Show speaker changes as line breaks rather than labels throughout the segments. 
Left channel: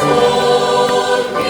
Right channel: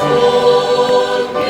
sông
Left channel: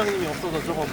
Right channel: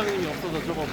当你秒收了之后。